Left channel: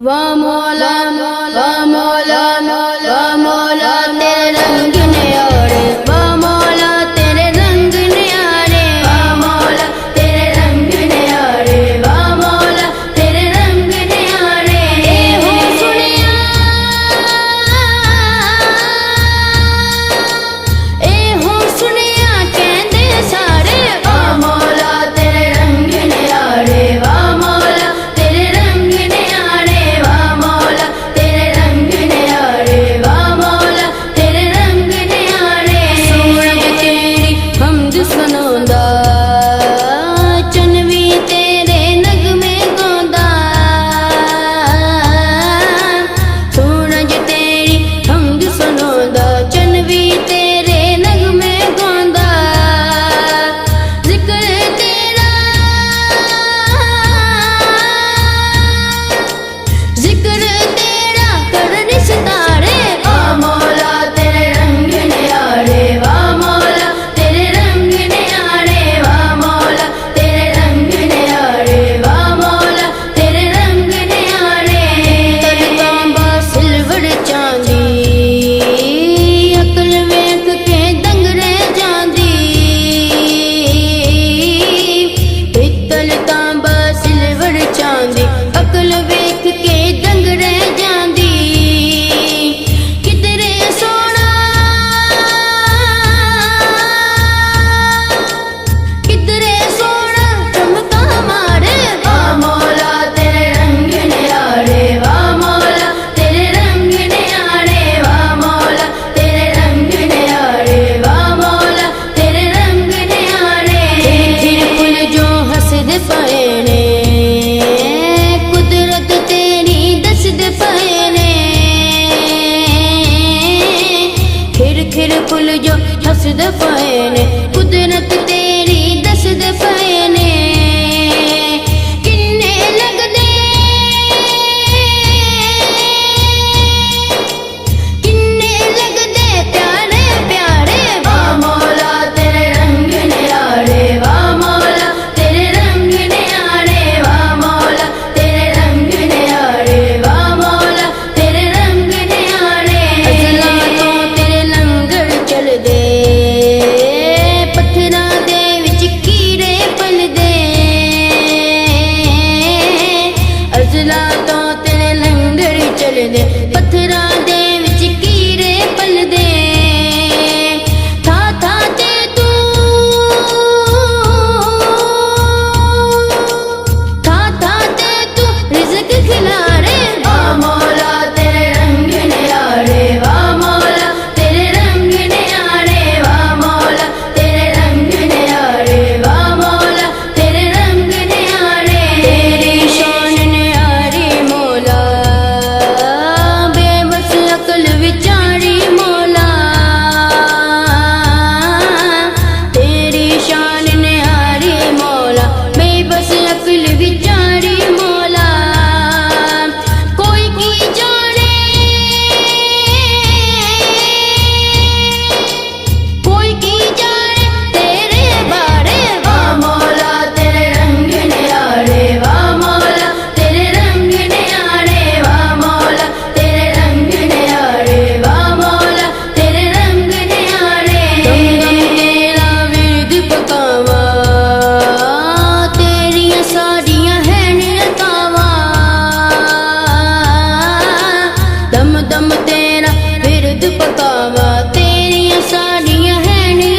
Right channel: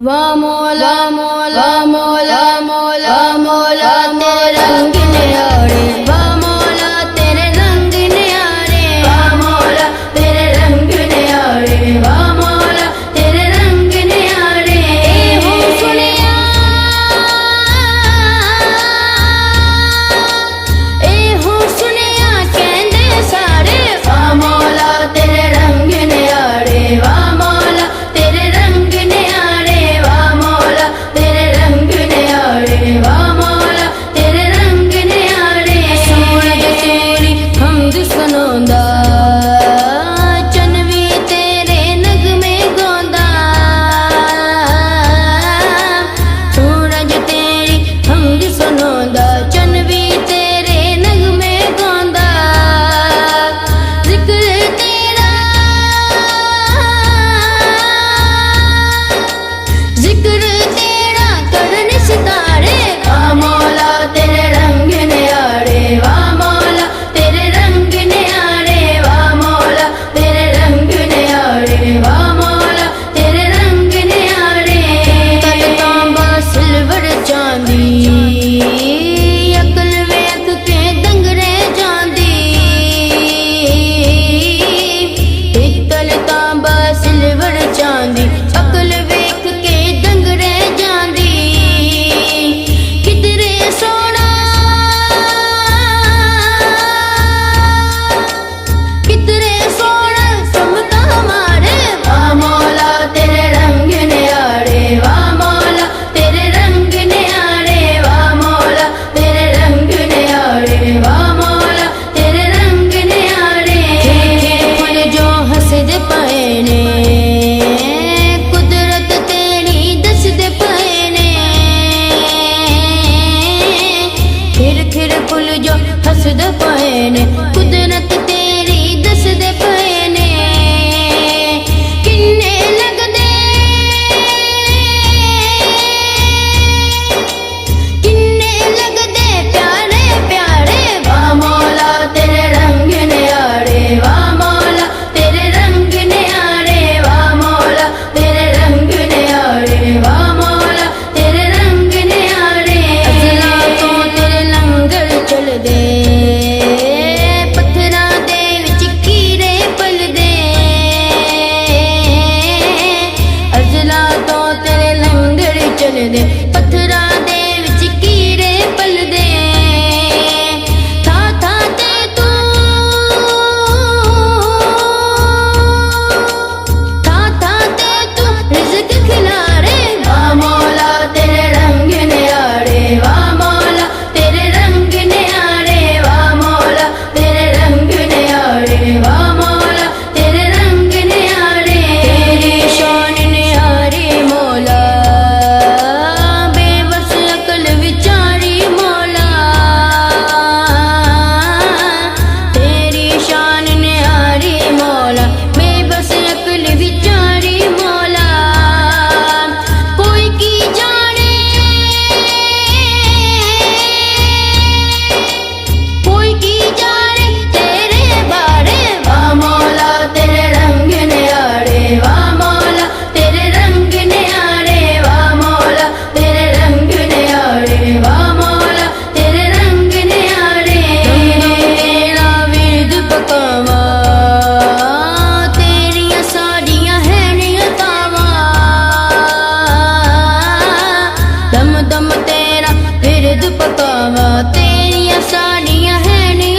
वाह मौला मौला मौला मौला मौला तेरे रंग न्यारे, वाह मौला तेरे रंग न्यारे, वाह मौला तेरे रंग न्यारे, वाह मौला तेरे रंग न्यारे। ए हो सुनिया, ए हो सुनिया कहंदे सारे, वाह मौला तेरे रंग न्यारे, वाह मौला तेरे रंग न्यारे, वाह मौला तेरे रंग न्यारे, वाह मौला तेरे रंग न्यारे। सूरज तेरी हमद सुनांदा, चन्न भी तेरे नगमे गांदा, सूरज तेरी हमद सुनांदा, चन्न भी तेरे नगमे गांदा। जिक्र तेरा, जिक्र तेरा करन सितारे, वाह मौला तेरे रंग न्यारे, वाह मौला तेरे रंग न्यारे, वाह मौला तेरे रंग न्यारे, वाह मौला तेरे रंग न्यारे। तल तांबा सिल्वर चांदी, अकल वेख के दंग रह जांदी। पित्तल तांबा सिल्वर चांदी, अकल वेख के दंग रह जांदी। कितरे सोना, कितरे सोना चमका मारे, वाह मौला तेरे रंग न्यारे, वाह मौला तेरे रंग न्यारे, वाह मौला तेरे रंग न्यारे, वाह मौला तेरे रंग न्यारे। खिर खिर फुल जो हंसदे पए ने, कुदरत तेरी दसदे पए ने। खिर खिर फुल जो हंसदे पए ने, कुदरत तेरी दसदे पए ने। किन्ने लगदे, किन्ने लगदे प्यारे प्यारे, वाह मौला तेरे रंग न्यारे, वाह मौला तेरे रंग न्यारे, वाह मौला तेरे रंग न्यारे, वाह मौला तेरे रंग न्यारे। अज़ला तो तेरे लंगर चल दे, पत्थरां दे विच कीरे पल दे। अज़ला तो तेरे लंगर चल दे, पत्थरां दे विच कीरे पल दे। था था ते तू, था था ते तू रिज़्क खिलारे, वाह मौला तेरे रंग न्यारे, वाह मौला तेरे रंग न्यारे, वाह मौला तेरे रंग न्यारे, वाह मौला तेरे रंग न्यारे। तेरी शान न्यारी मौला, बेबस अकल विचारी मौला। तेरी शान न्यारी मौला, बेबस अकल विचारी मौला। कोई की जाने, कोई की जाने तेरे बारे, वाह मौला तेरे रंग न्यारे, वाह मौला तेरे रंग न्यारे, वाह मौला तेरे रंग न्यारे, वाह मौला तेरे रंग न्यारे। दम दम तेरा विरद पकावा, तेरियां सारियां है नियतावा। दम दम तेरा विरद पकावा, तेरियां सारियां है नियतावा।